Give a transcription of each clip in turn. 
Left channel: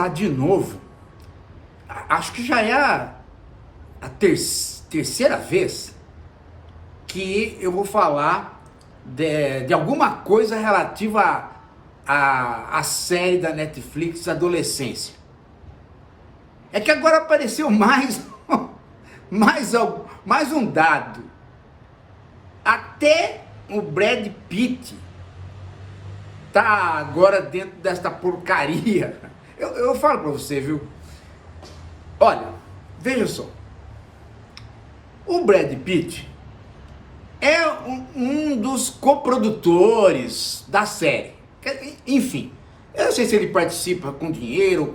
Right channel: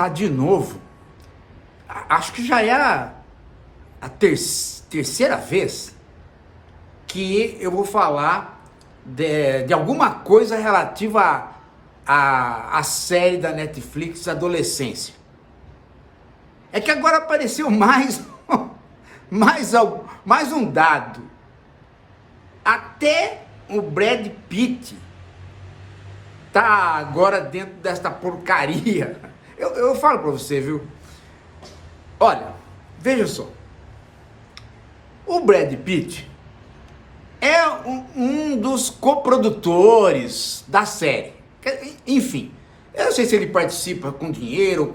começar de novo. Acho que já é a terceira vez que eu vou falar de alguma coisa relativa à série da Netflix Adolescência. É que agora apareceu mais um dado. Até o Brad Pitt tá agora dentro desta porcaria. Eu falo pra você, viu? Olha, veja só. O Brad Pitt é um dos coprodutores da série. Enfim, eu não sei se ele participa com dinheiro,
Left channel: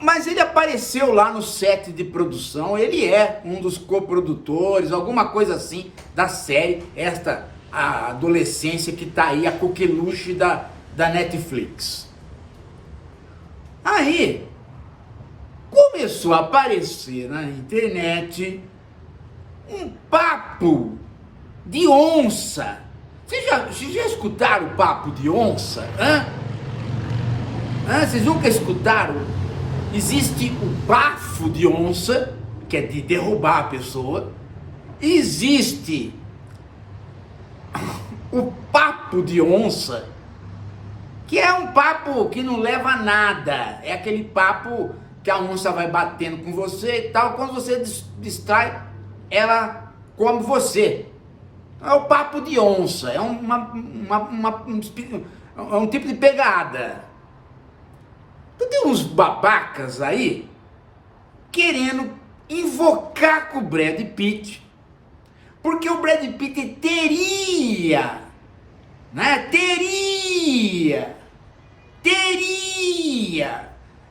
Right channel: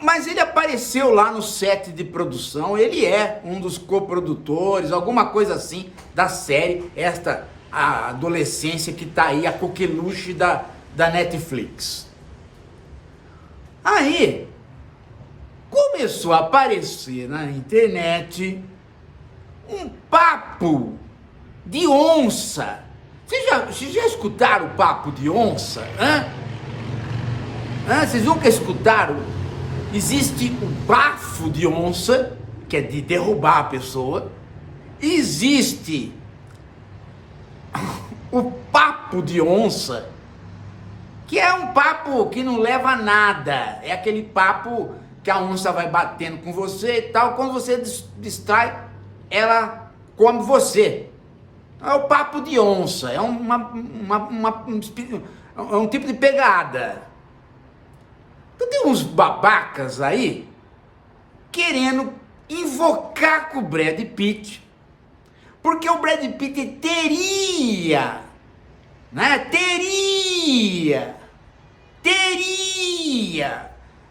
mas ele apareceu lá no set de produção. Ele é um dos coprodutores, alguma coisa assim, da série, a adolescência que tá aí, a coqueluche da Netflix. Aí, começou a aparecer na internet um papo de onça. Vocês já escutaram o papo de onça? Vocês nunca escutaram? Existe o bafo de onça, que é de derrubar a pessoa. Existe o papo de onça, que é um papo que não leva a nada. É aquele papo que a onça vai batendo com você e tal. Quando você distrai, ela come você. É o papo de onça. É um tipo de pegada. Então tem uns babacas aí querendo invocar com o Brad Pitt, porque o Brad Pitt teria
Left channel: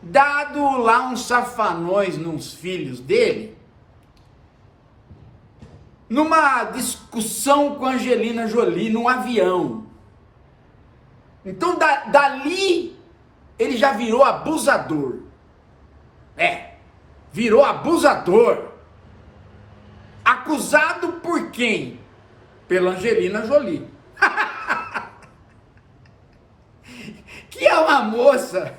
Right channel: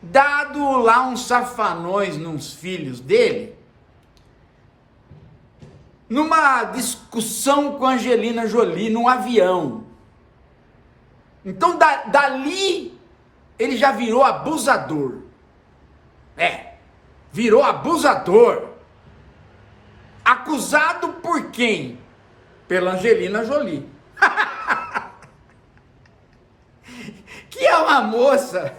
dado lá uns safanões nos filhos dele, numa discussão com a Angelina Jolie num avião. Então dali ele já virou abusador. Virou abusador. Acusado por quem? Pela Angelina Jolie. Que é uma moça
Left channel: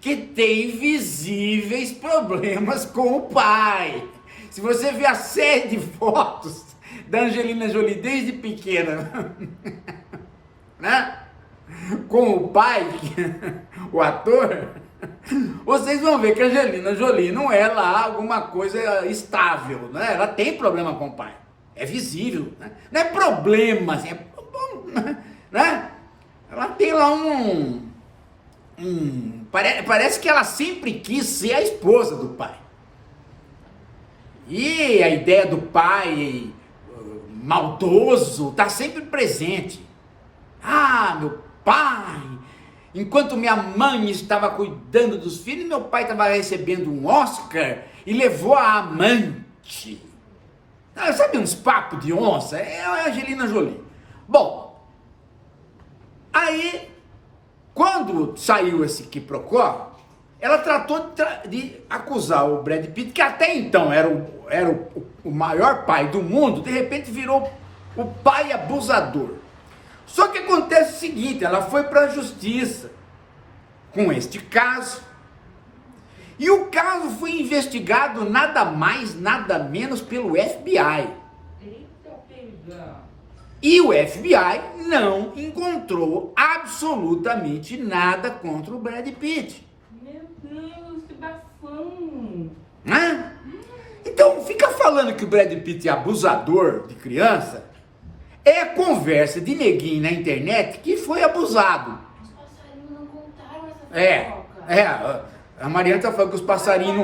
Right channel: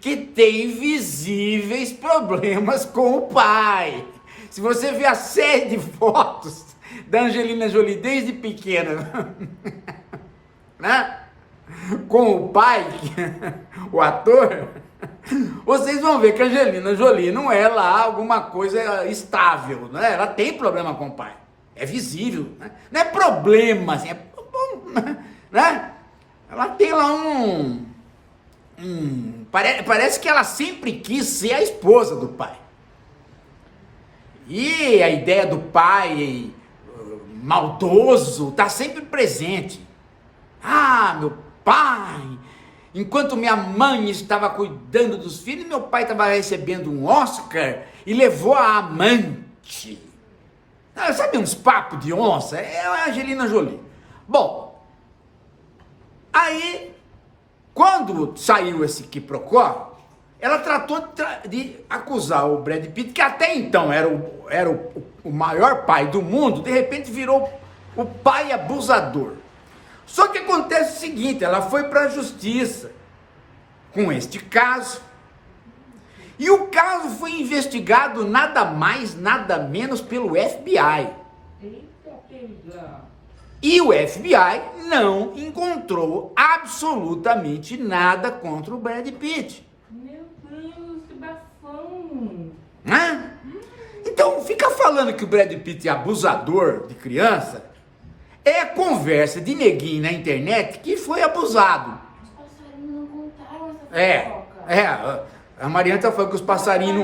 que tem visíveis problemas com o pai. Se você ver a série de fotos da Angelina Jolie desde pequena, né? Com o pai, o ator, vocês vão ver que a Angelina Jolie não é lá alguma coisa estável, né? Ela tem problema com o pai, é visível, né? Não é problema, assim, né? Ela tem lá parece que ela sempre quis ser a esposa do pai. E a ideia do pai maldoso está sempre presente. Meu pai, enquanto minha mãe estava cuidando dos filhos, meu pai estava recebendo um Oscar e levou a amante. Sabe uns papos de onça? É a Angelina Jolie. Bom, aí, quando saiu esse quiprocó, ela tratou de acusar o Brad Pitt, que até então era o maior pai do mundo, de repente virou o pai abusador. Só que acontece o seguinte, ela foi para a justiça com este caso, e o caso foi investigado nada mais, nada menos pelo FBI. E o FBI não encontrou absolutamente nada contra o Brad Pitt. Meu Deus, que bafão! Então, fica falando que o Brad Pitt é abusador de criança, é conversa de neguinho na internet que foi abusado. Os passarinhos não contaram essa fofoca. A Mariana tá falando que os passarinhos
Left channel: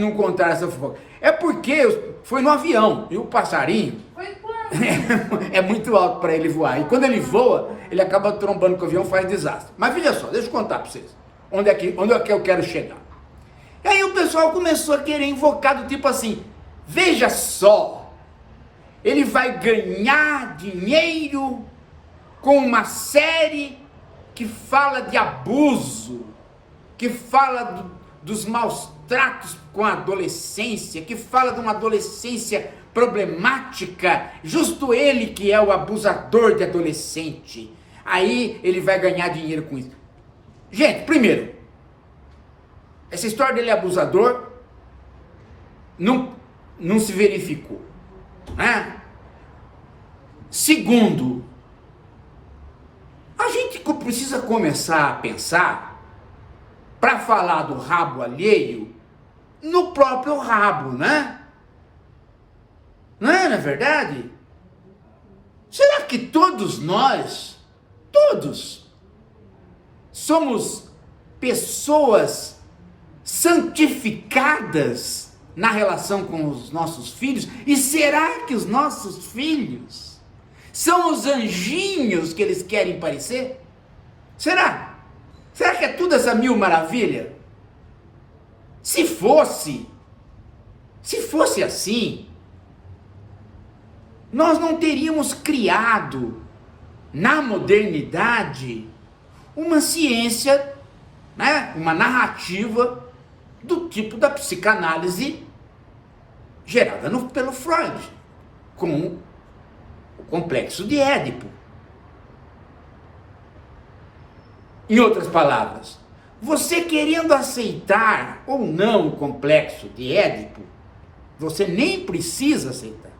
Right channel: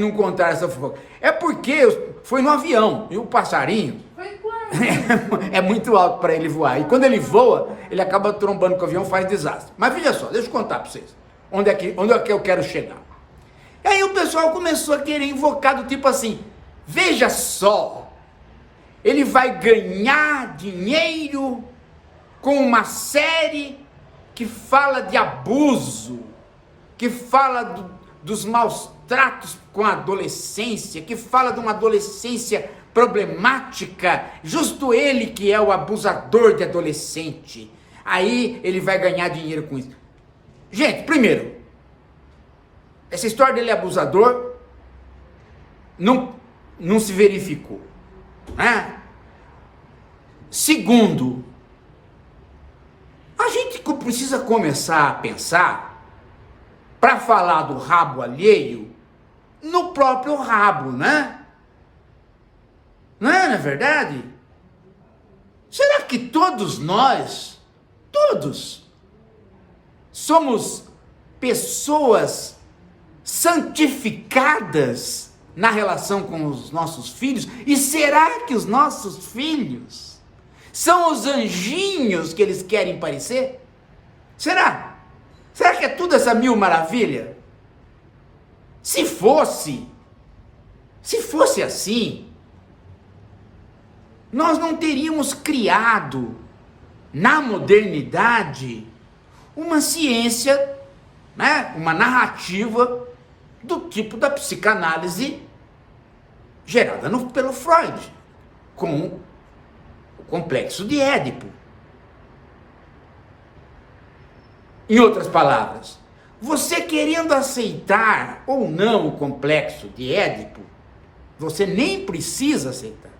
não contaram essa fofoca. É porque foi no avião, e o passarinho Foi quando? é muito alto para ele voar. E quando ele voa, ele acaba trombando com o avião, faz desastre. Mas veja só, deixa eu contar para vocês. Onde é que eu quero chegar? E aí o pessoal começou a querer invocar do tipo assim, veja só, ele vai ganhar dinheiro com uma série que fala de abuso, que fala dos maus tratos com a adolescência, que fala de uma adolescência problemática, justo ele que é o abusador de adolescente. Aí ele vai ganhar dinheiro com isso. Gente, primeiro, Essa história dele é abusador não se verificou, né? Segundo, a gente precisa começar a pensar, para falar do rabo alheio, no próprio rabo, né? Não é verdade? Será que todos nós, todos, somos pessoas santificadas na relação com os nossos filhos? E será que os nossos filhos são os anjinhos que eles querem parecer? Será? Será que é tudo essa mil maravilha? Se fosse assim, nós não teríamos criado na modernidade uma ciência, né, uma narrativa do tipo da psicanálise gerada pelo Freud, com o complexo de Édipo. Em outras palavras, você querendo aceitar ou não o complexo de Édipo, você nem precisa aceitar.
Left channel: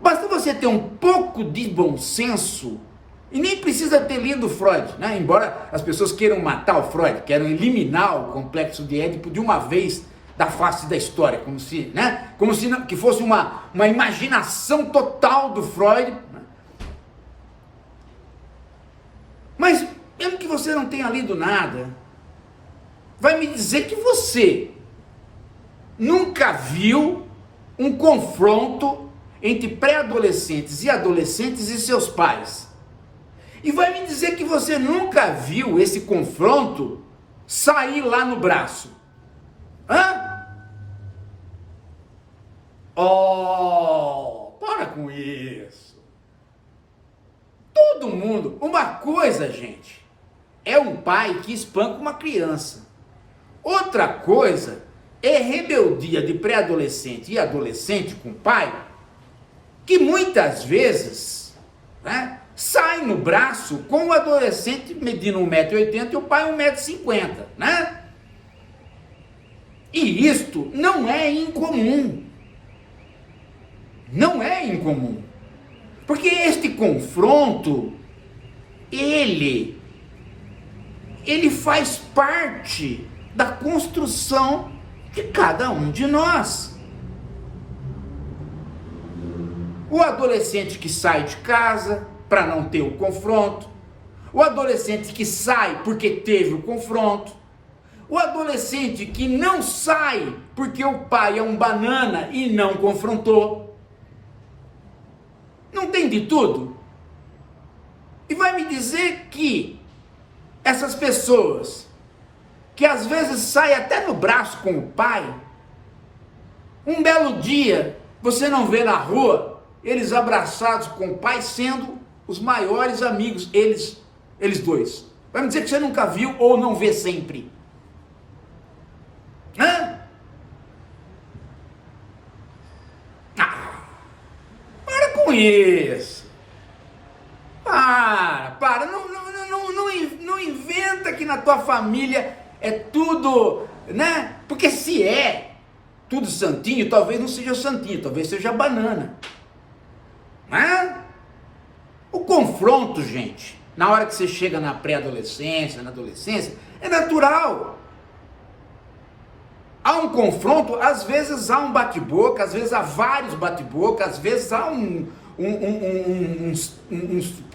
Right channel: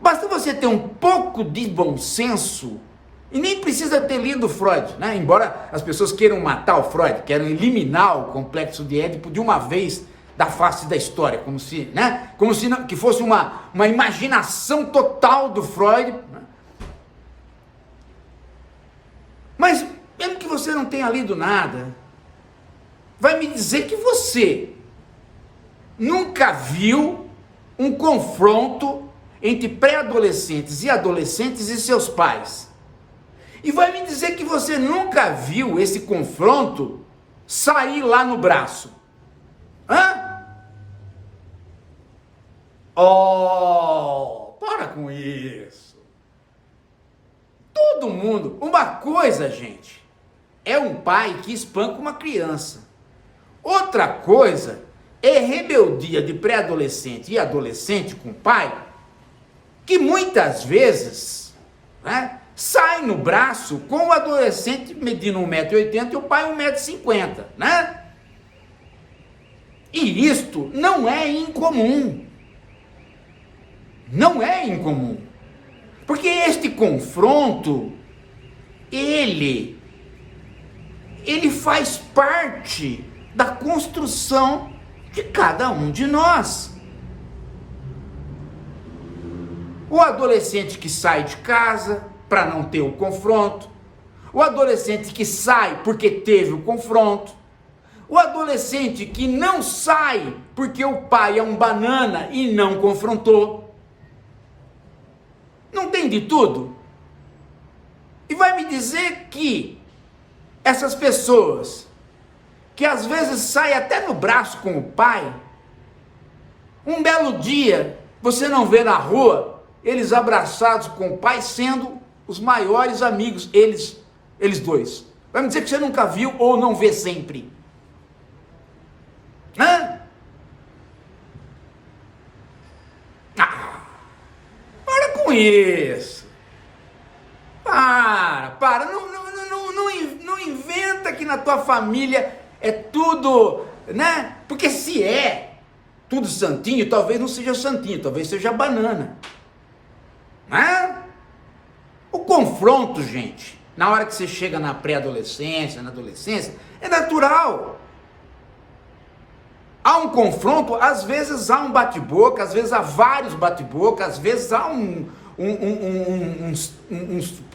Basta você ter um pouco de bom senso e nem precisa ter lido Freud, né? Embora as pessoas queiram matar o Freud, queiram eliminar o complexo de Édipo de uma vez da face da história, como se, né? Como se que fosse uma imaginação total do Freud, né? Mas mesmo que você não tenha lido nada, vai me dizer que você nunca viu um confronto entre pré-adolescentes e adolescentes e seus pais. E vai me dizer que você nunca viu esse confronto sair lá no braço. Hã? Oh, para com isso. Todo mundo. Uma coisa, gente, é um pai que espanca uma criança. Outra coisa é rebeldia de pré-adolescente e adolescente com o pai, que muitas vezes, né, sai no braço com o adolescente medindo 1,80 m e o pai 1,50 m, né? E isto não é incomum. Não é incomum. Porque este confronto, ele faz parte da construção de cada um de nós. O adolescente que sai de casa para não ter o confronto, o adolescente que sai porque teve o confronto, o adolescente que não sai porque o pai é um banana e não confrontou. Não tem de tudo? E vai me dizer que essas pessoas que às vezes saem até no braço com o pai, um belo dia você não vê na rua eles abraçados com o pai, sendo os maiores amigos, eles dois. Vai me dizer que você nunca viu ou não vê sempre. Hã? Para com isso. Para. Não inventa que na tua família é tudo, né? Porque se é tudo santinho, talvez não seja santinho, talvez seja banana. O confronto, gente, na hora que você chega na pré-adolescência, na adolescência, é natural. Há um confronto, às vezes há um bate-boca, às vezes há vários bate-boca, às vezes há uns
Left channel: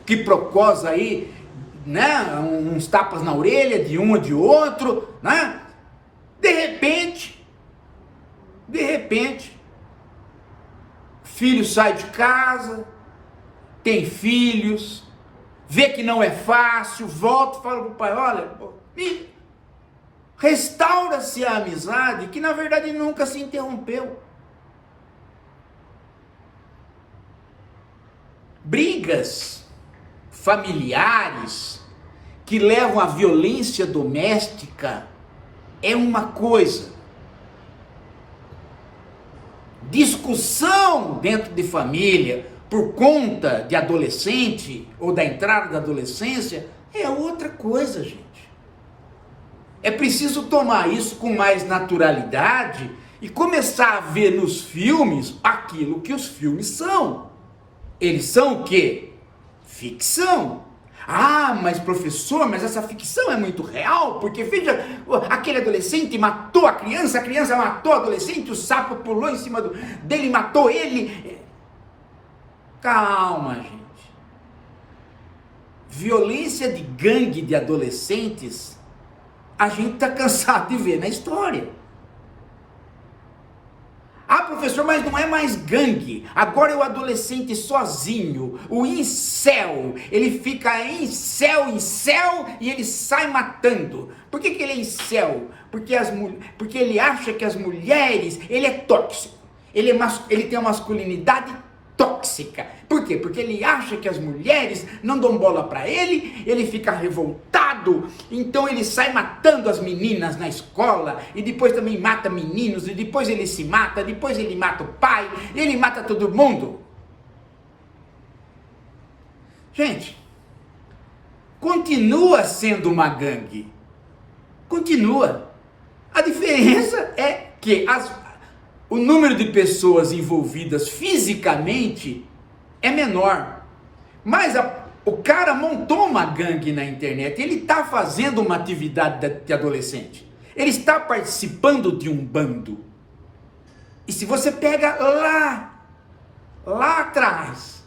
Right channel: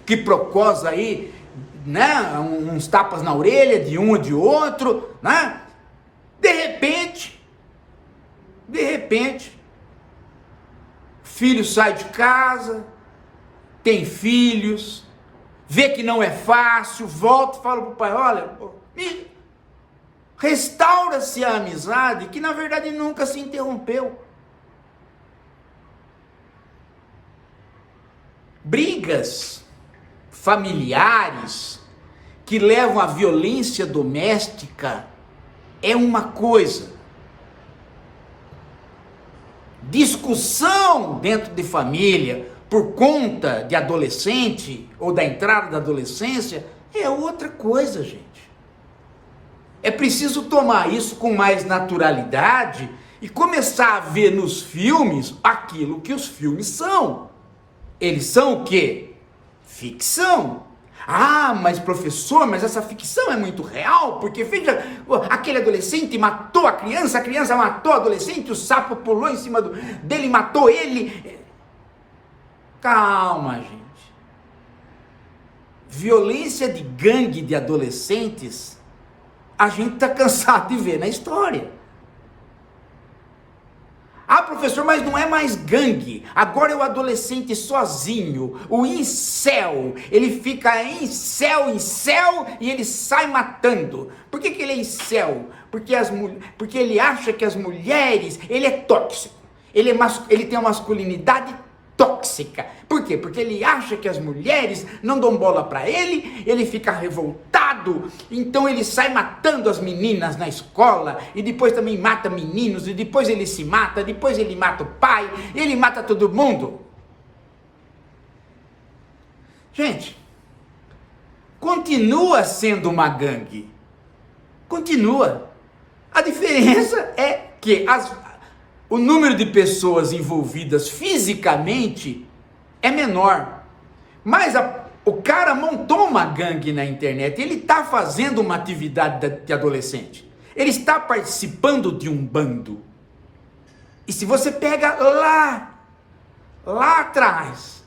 quiprocós aí, né? Uns tapas na orelha de um ou de outro, né? De repente, filho sai de casa, tem filhos, vê que não é fácil, volta e fala pro pai, olha, restaura-se a amizade que na verdade nunca se interrompeu. Brigas familiares que levam à violência doméstica é uma coisa. Discussão dentro de família por conta de adolescente ou da entrada da adolescência é outra coisa, gente. É preciso tomar isso com mais naturalidade e começar a ver nos filmes aquilo que os filmes são. Eles são o quê? Ficção. Ah, mas professor, mas essa ficção é muito real, porque veja, aquele adolescente matou a criança matou o adolescente, o sapo pulou em cima dele e matou ele. Calma, gente. Violência de gangue de adolescentes, a gente está cansado de ver na história. Ah, professor, mas não é mais gangue. Agora é o adolescente sozinho, o incel. Ele fica em céu e ele sai matando. Por que ele é incel? Porque ele acha que as mulheres, ele é tóxico. Ele tem uma masculinidade tóxica. Por quê? Porque ele acha que as mulheres não dão bola para ele fica revoltado, então ele sai matando as meninas na escola, e depois também mata meninos, e depois ele se mata, depois ele mata o pai, ele mata todo mundo. Gente, continua sendo uma gangue. Continua. A diferença é que o número de pessoas envolvidas fisicamente é menor. Mas o cara montou uma gangue na internet, ele está fazendo uma atividade de adolescente. Ele está participando de um bando. E se você pega lá atrás,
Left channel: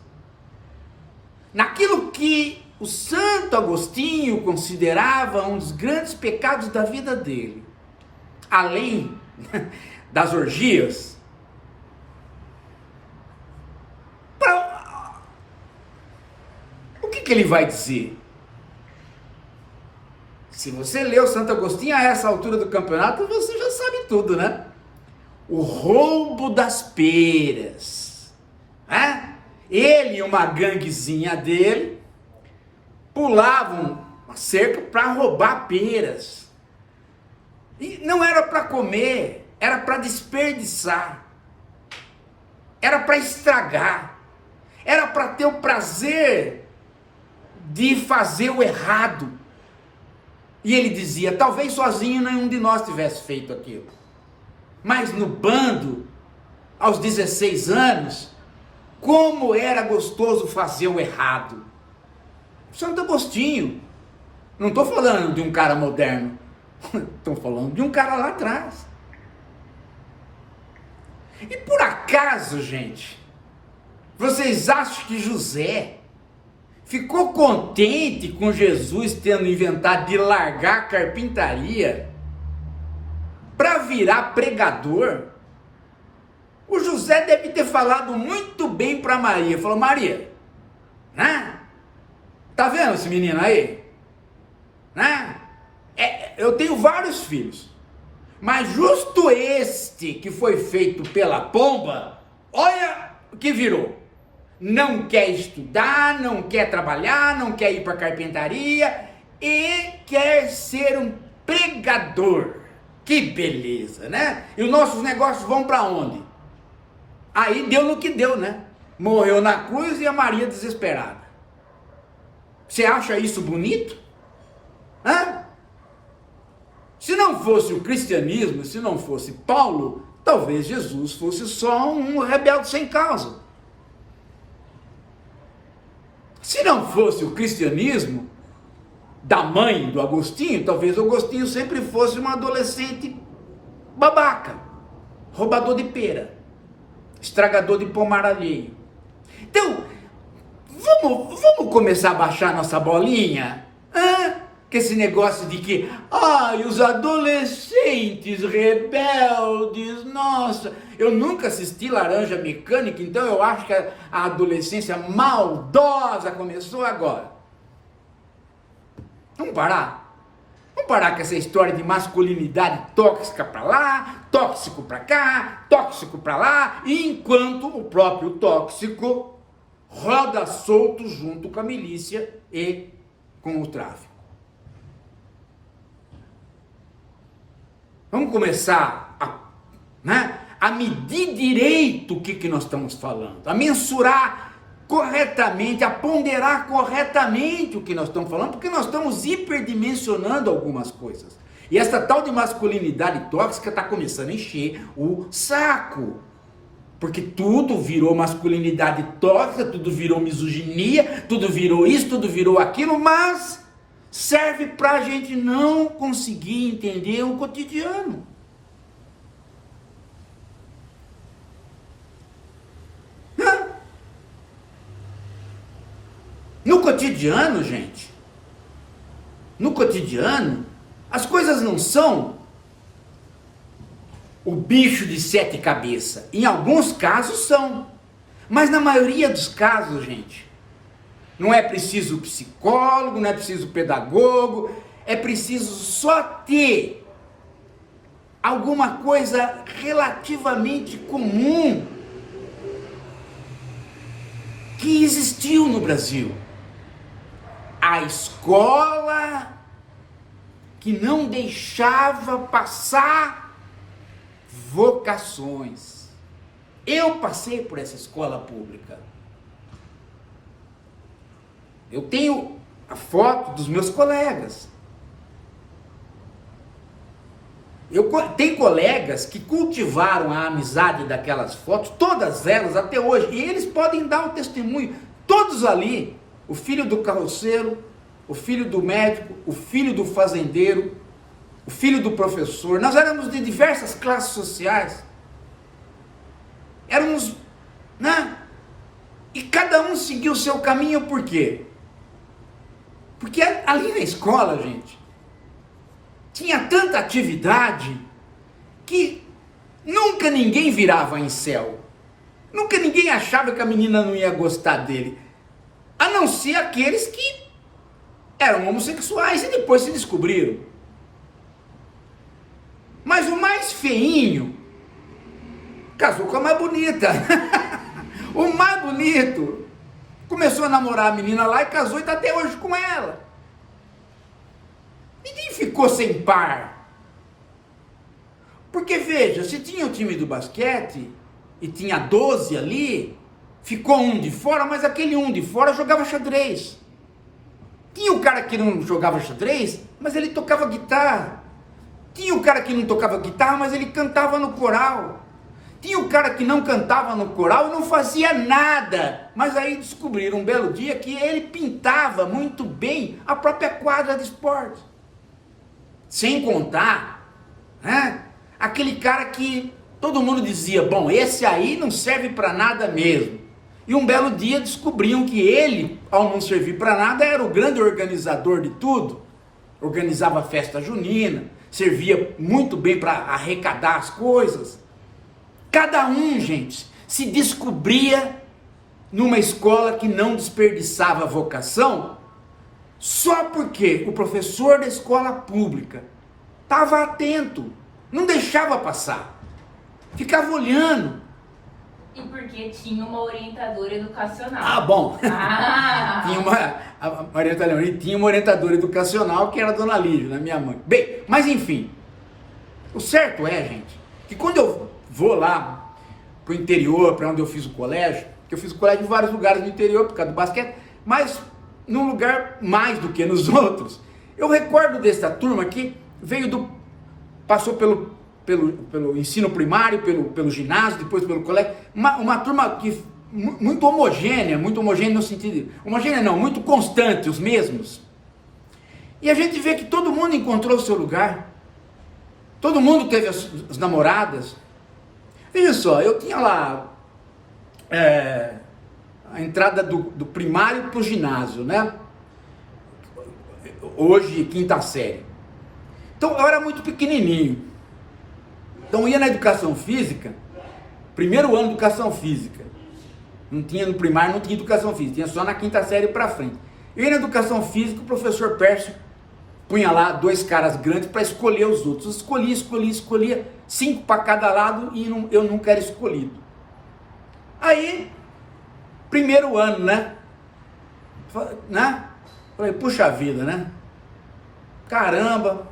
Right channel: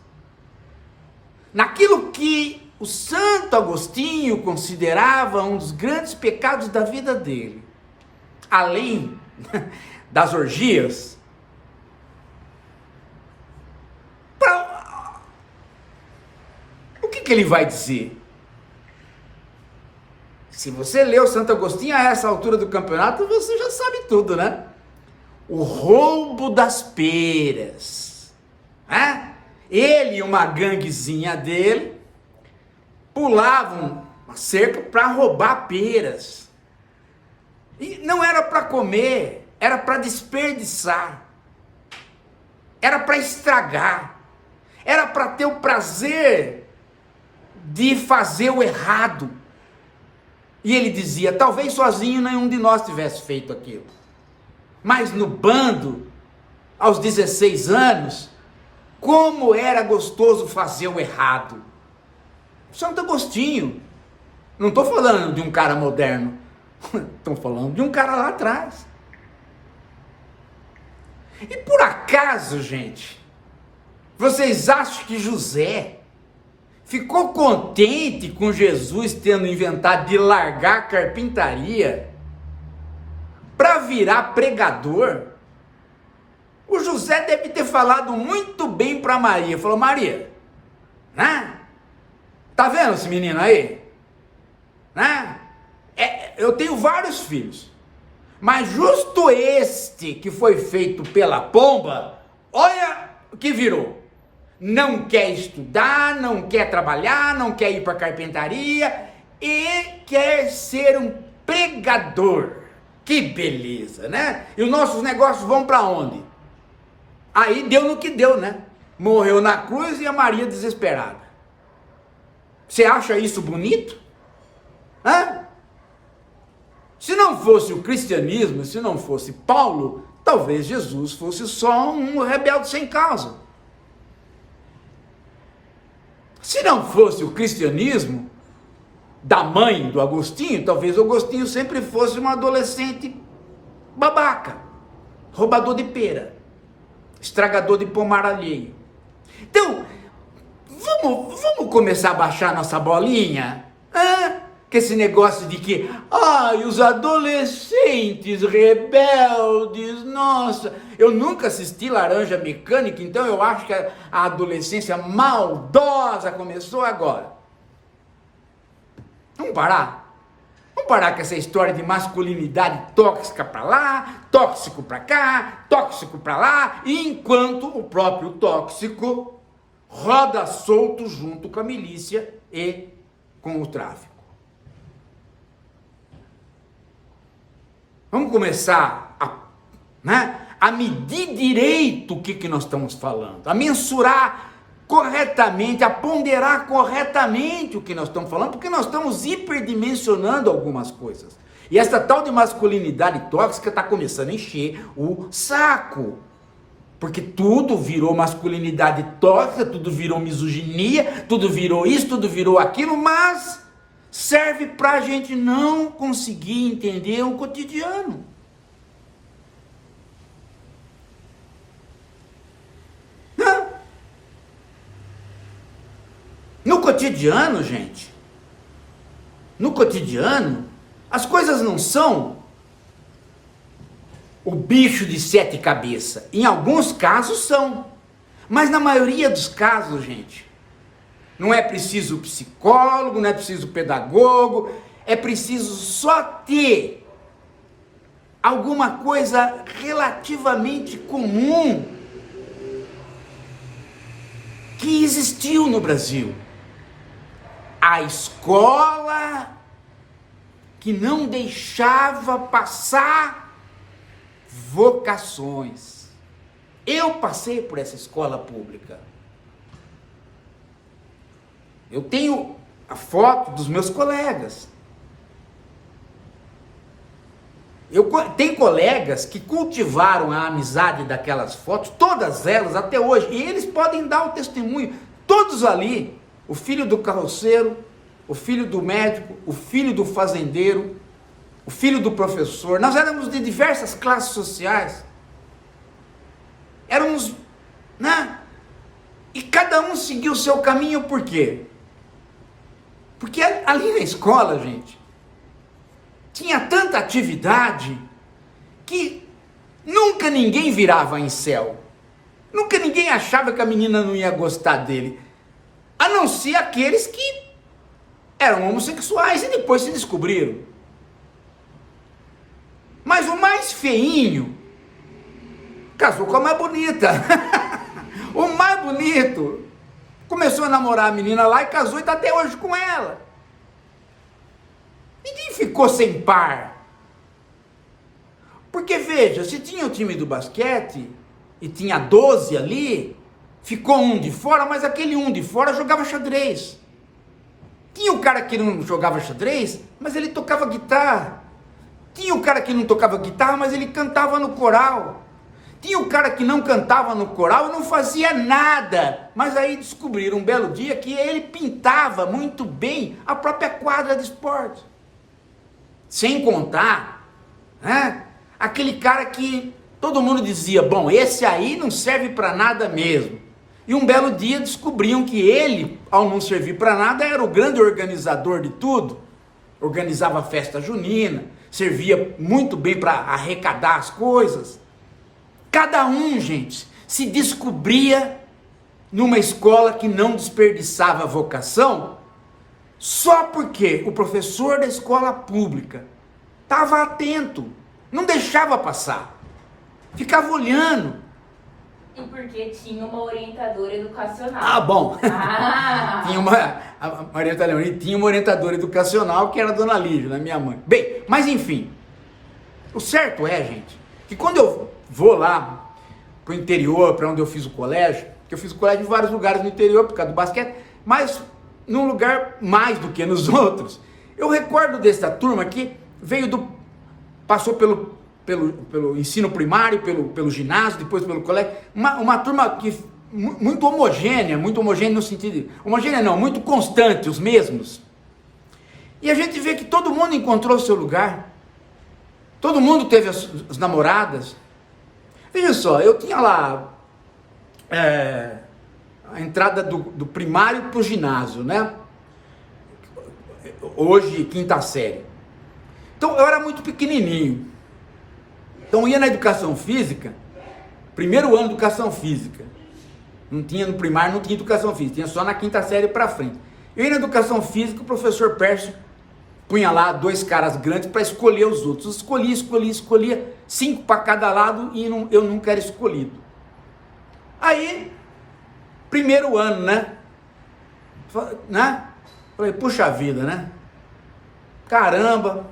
naquilo que o Santo Agostinho considerava um dos grandes pecados da vida dele, além das orgias, o que ele vai dizer? Se você leu Santo Agostinho a essa altura do campeonato, você já sabe tudo, né? O roubo das peras, né? Ele e uma ganguezinha dele pulavam a cerca para roubar peras. E não era para comer, era para desperdiçar, era para estragar, era para ter o prazer de fazer o errado. E ele dizia, talvez sozinho nenhum de nós tivesse feito aquilo, mas no bando, aos 16 anos, como era gostoso fazer o errado. Santo Agostinho, não estou falando de um cara moderno, estou falando de um cara lá atrás. E por acaso, gente, vocês acham que José ficou contente com Jesus tendo inventado de largar a carpintaria para virar pregador? O José deve ter falado muito bem para Maria. Falou, Maria, né? Tá vendo esse menino aí? Né? Eu tenho vários filhos, mas justo este que foi feito pela pomba, olha o que virou. Não quer estudar, não quer trabalhar, não quer ir para carpintaria e quer ser um pregador. Que beleza, né? E os nossos negócios vão para onde? Aí deu no que deu, né? Morreu na cruz e a Maria desesperada. Você acha isso bonito? Hã? Se não fosse o cristianismo, se não fosse Paulo, talvez Jesus fosse só um rebelde sem causa. Se não fosse o cristianismo da mãe do Agostinho, talvez o Agostinho sempre fosse um adolescente babaca, roubador de pera, estragador de pomar alheio. Então, vamos começar a baixar nossa bolinha? Que esse negócio de que, os adolescentes rebeldes, nossa, eu nunca assisti Laranja Mecânica, então eu acho que a adolescência maldosa começou agora. Vamos parar? Vamos parar com essa história de masculinidade tóxica para lá, tóxico para cá, tóxico para lá, enquanto o próprio tóxico roda solto junto com a milícia e com o tráfico. Vamos começar a medir direito o que nós estamos falando, a mensurar corretamente, a ponderar corretamente o que nós estamos falando, porque nós estamos hiperdimensionando algumas coisas. E essa tal de masculinidade tóxica está começando a encher o saco. Porque tudo virou masculinidade tóxica, tudo virou misoginia, tudo virou isso, tudo virou aquilo, mas serve para a gente não conseguir entender o cotidiano. No cotidiano, gente, no cotidiano, as coisas não são o bicho de 7 cabeças. Em alguns casos são, mas na maioria dos casos, gente, não é preciso psicólogo, não é preciso pedagogo, é preciso só ter alguma coisa relativamente comum que existiu no Brasil. A escola que não deixava passar vocações. Eu passei por essa escola pública. Eu tenho a foto dos meus colegas. Tem colegas que cultivaram a amizade daquelas fotos, todas elas até hoje, e eles podem dar o testemunho, todos ali, o filho do carroceiro, o filho do médico, o filho do fazendeiro, o filho do professor. Nós éramos de diversas classes sociais, éramos, né? E cada um seguiu o seu caminho. Por quê? Porque ali na escola, gente, tinha tanta atividade que nunca ninguém virava incel. Nunca ninguém achava que a menina não ia gostar dele. A não ser aqueles que eram homossexuais e depois se descobriram. Mas o mais feinho casou com a mais bonita. O mais bonito começou a namorar a menina lá e casou e está até hoje com ela. Ninguém ficou sem par. Porque veja, se tinha o time do basquete e tinha 12 ali, ficou um de fora, mas aquele um de fora jogava xadrez. Tinha o cara que não jogava xadrez, mas ele tocava guitarra. Tinha o cara que não tocava guitarra, mas ele cantava no coral. Tinha o cara que não cantava no coral e não fazia nada. Mas aí descobriram um belo dia que ele pintava muito bem a própria quadra de esporte. Sem contar, né, aquele cara que todo mundo dizia, bom, esse aí não serve para nada mesmo. E um belo dia descobriam que ele, ao não servir para nada, era o grande organizador de tudo. Organizava a festa junina, servia muito bem para arrecadar as coisas. Cada um, gente, se descobria numa escola que não desperdiçava vocação, só porque o professor da escola pública estava atento, não deixava passar, ficava olhando. E porque tinha uma orientadora educacional. Ah, bom. A Marieta Leoni tinha uma orientadora educacional que era a Dona Lívia, minha mãe. Bem, mas enfim, o certo é, gente, que quando eu vou lá pro interior, para onde eu fiz o colégio, que eu fiz o colégio em vários lugares no interior por causa do basquete, mas num lugar mais do que nos outros. Eu recordo dessa turma que passou pelo ensino primário, pelo ginásio, depois pelo colégio, uma turma que muito homogênea no sentido, homogênea não, muito constante, os mesmos. E a gente vê que todo mundo encontrou o seu lugar, todo mundo teve as namoradas. Veja só, eu tinha lá a entrada do primário para o ginásio, né? Hoje, 5ª série. Então, eu era muito pequenininho. Então, eu ia na educação física, primeiro ano de educação física. Não tinha no primário, não tinha educação física, tinha só na 5ª série para frente. Eu ia na educação física, o professor Pércio punha lá 2 caras grandes para escolher os outros. Escolhia 5 para cada lado e eu nunca era escolhido. Aí, primeiro ano, né? Falei, puxa vida, né? Caramba,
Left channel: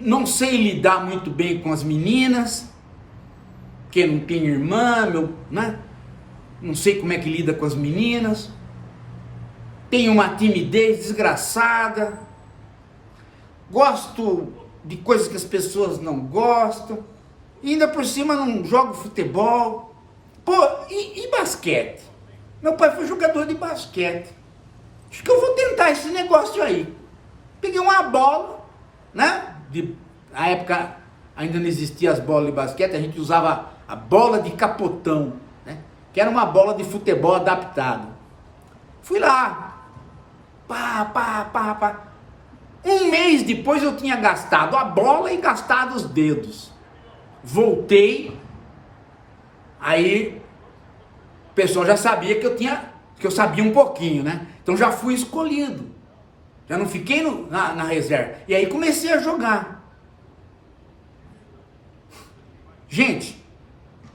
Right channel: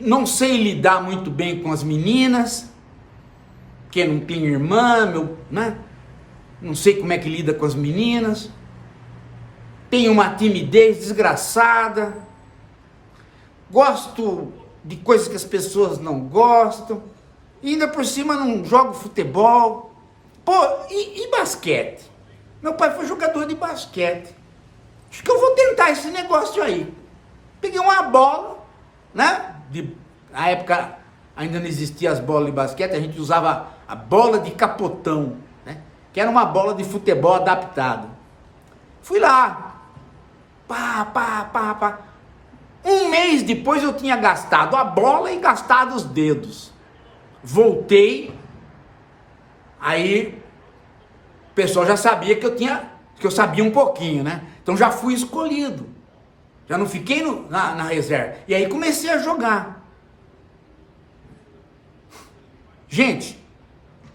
não sei lidar muito bem com as meninas, porque não tenho irmã, né? Não sei como é que lida com as meninas, tenho uma timidez desgraçada, gosto de coisas que as pessoas não gostam, e ainda por cima não jogo futebol. Pô, e basquete? Meu pai foi jogador de basquete. Acho que eu vou tentar esse negócio aí. Peguei uma bola, né? Na época ainda não existiam as bolas de basquete, a gente usava a bola de capotão, né? Que era uma bola de futebol adaptada. Fui lá, pá. Um mês depois eu tinha gastado a bola e gastado os dedos. Voltei, aí o pessoal já sabia que eu sabia um pouquinho, né? Então já fui escolhido, já não fiquei na reserva. E aí comecei a jogar. Gente,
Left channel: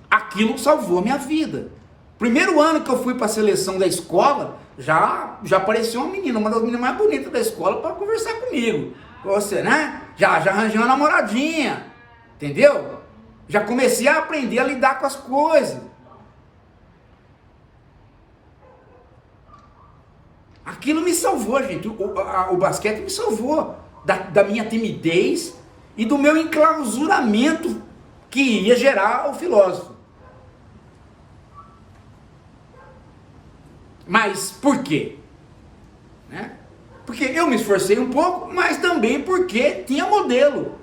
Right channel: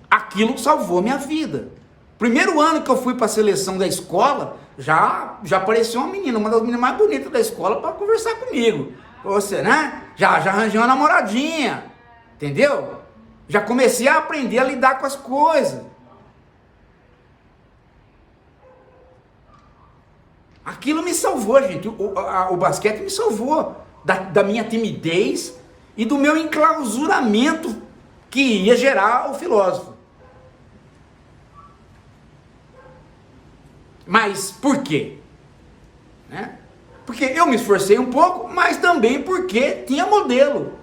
aquilo salvou minha vida. Primeiro ano que eu fui para a seleção da escola, já apareceu uma menina, uma das meninas mais bonitas da escola, para conversar comigo. Você, né? Já arranjei uma namoradinha, entendeu? Já comecei a aprender a lidar com as coisas. Aquilo me salvou, gente. O basquete me salvou da minha timidez e do meu enclausuramento que ia gerar o filósofo. Mas por quê? Né? Porque eu me esforcei um pouco, mas também porque tinha modelo.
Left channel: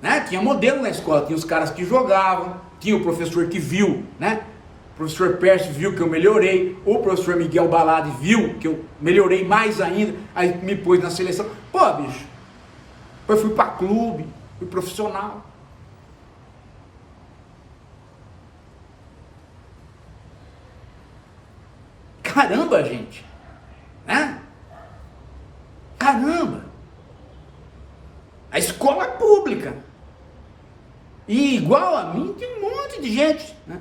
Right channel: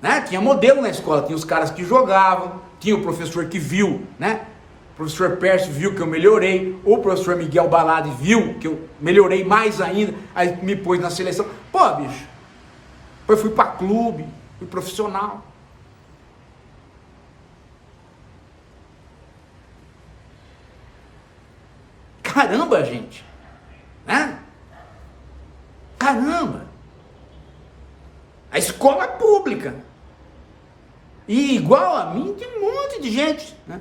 Né? Tinha modelo na escola, tinha os caras que jogavam, tinha o professor que viu, né? O professor Pércio viu que eu melhorei, o professor Miguel Baladi viu que eu melhorei mais ainda, aí me pôs na seleção. Pô, bicho, depois fui para clube, fui profissional. Caramba, gente, né? Caramba, a escola pública, e igual a mim tem um monte de gente, né?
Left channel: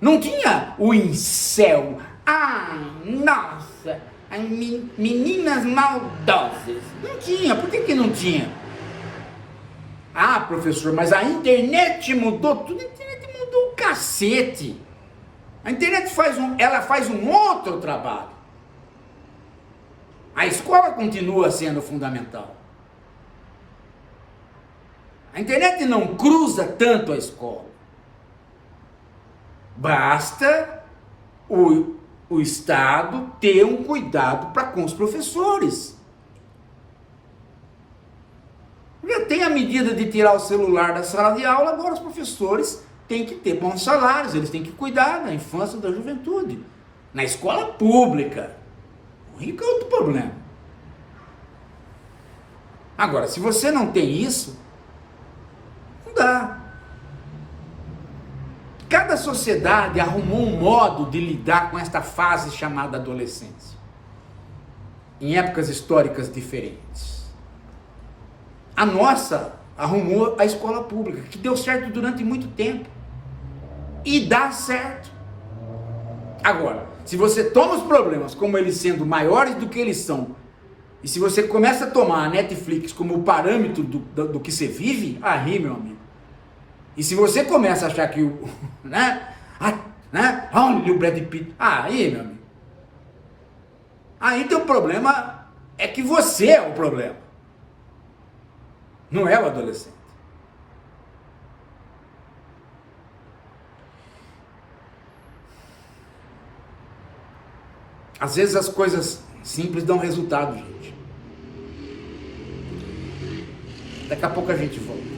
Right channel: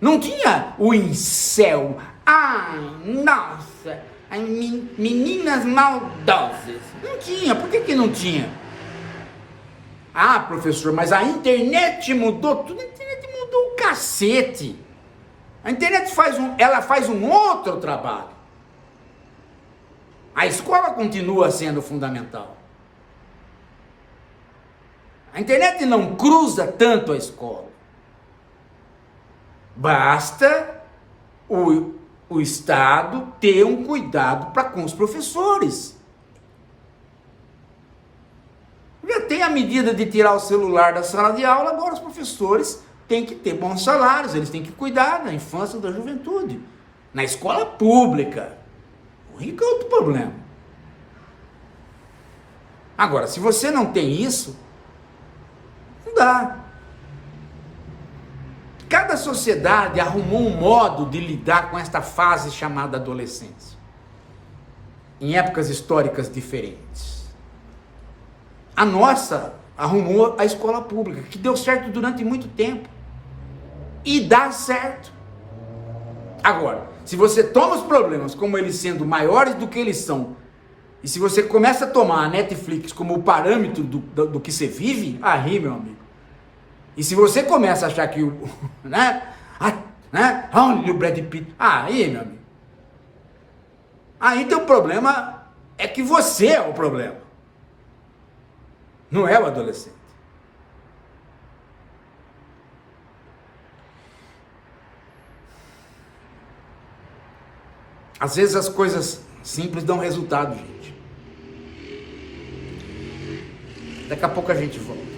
Não tinha o incel, nossa, meninas maldosas, não tinha. Por que não tinha? Professor, mas a internet mudou tudo. A internet mudou o cacete. A internet faz um outro trabalho. A escola continua sendo fundamental. A internet não cruza tanto a escola. Basta o Estado ter um cuidado para com os professores. Já tem a medida de tirar o celular da sala de aula, agora os professores têm que ter bons salários, eles têm que cuidar da infância e da juventude. Na escola pública, o rico é outro problema. Agora, se você não tem isso, não dá. Cada sociedade arrumou um modo de lidar com esta fase chamada adolescência, em épocas históricas diferentes. A nossa arrumou a escola pública, que deu certo durante muito tempo, e dá certo. Agora, se você toma os problemas como eles sendo maiores do que eles são, e se você começa a tomar a Netflix como parâmetro do que você vive, aí, meu amigo. E se você começa a achar que olha o Brad Pitt, aí, meu amigo. Aí teu problema é que você é o problema. Não é o adolescente. Às vezes as coisas simples dão resultado, gente. Daqui a pouco a gente volta.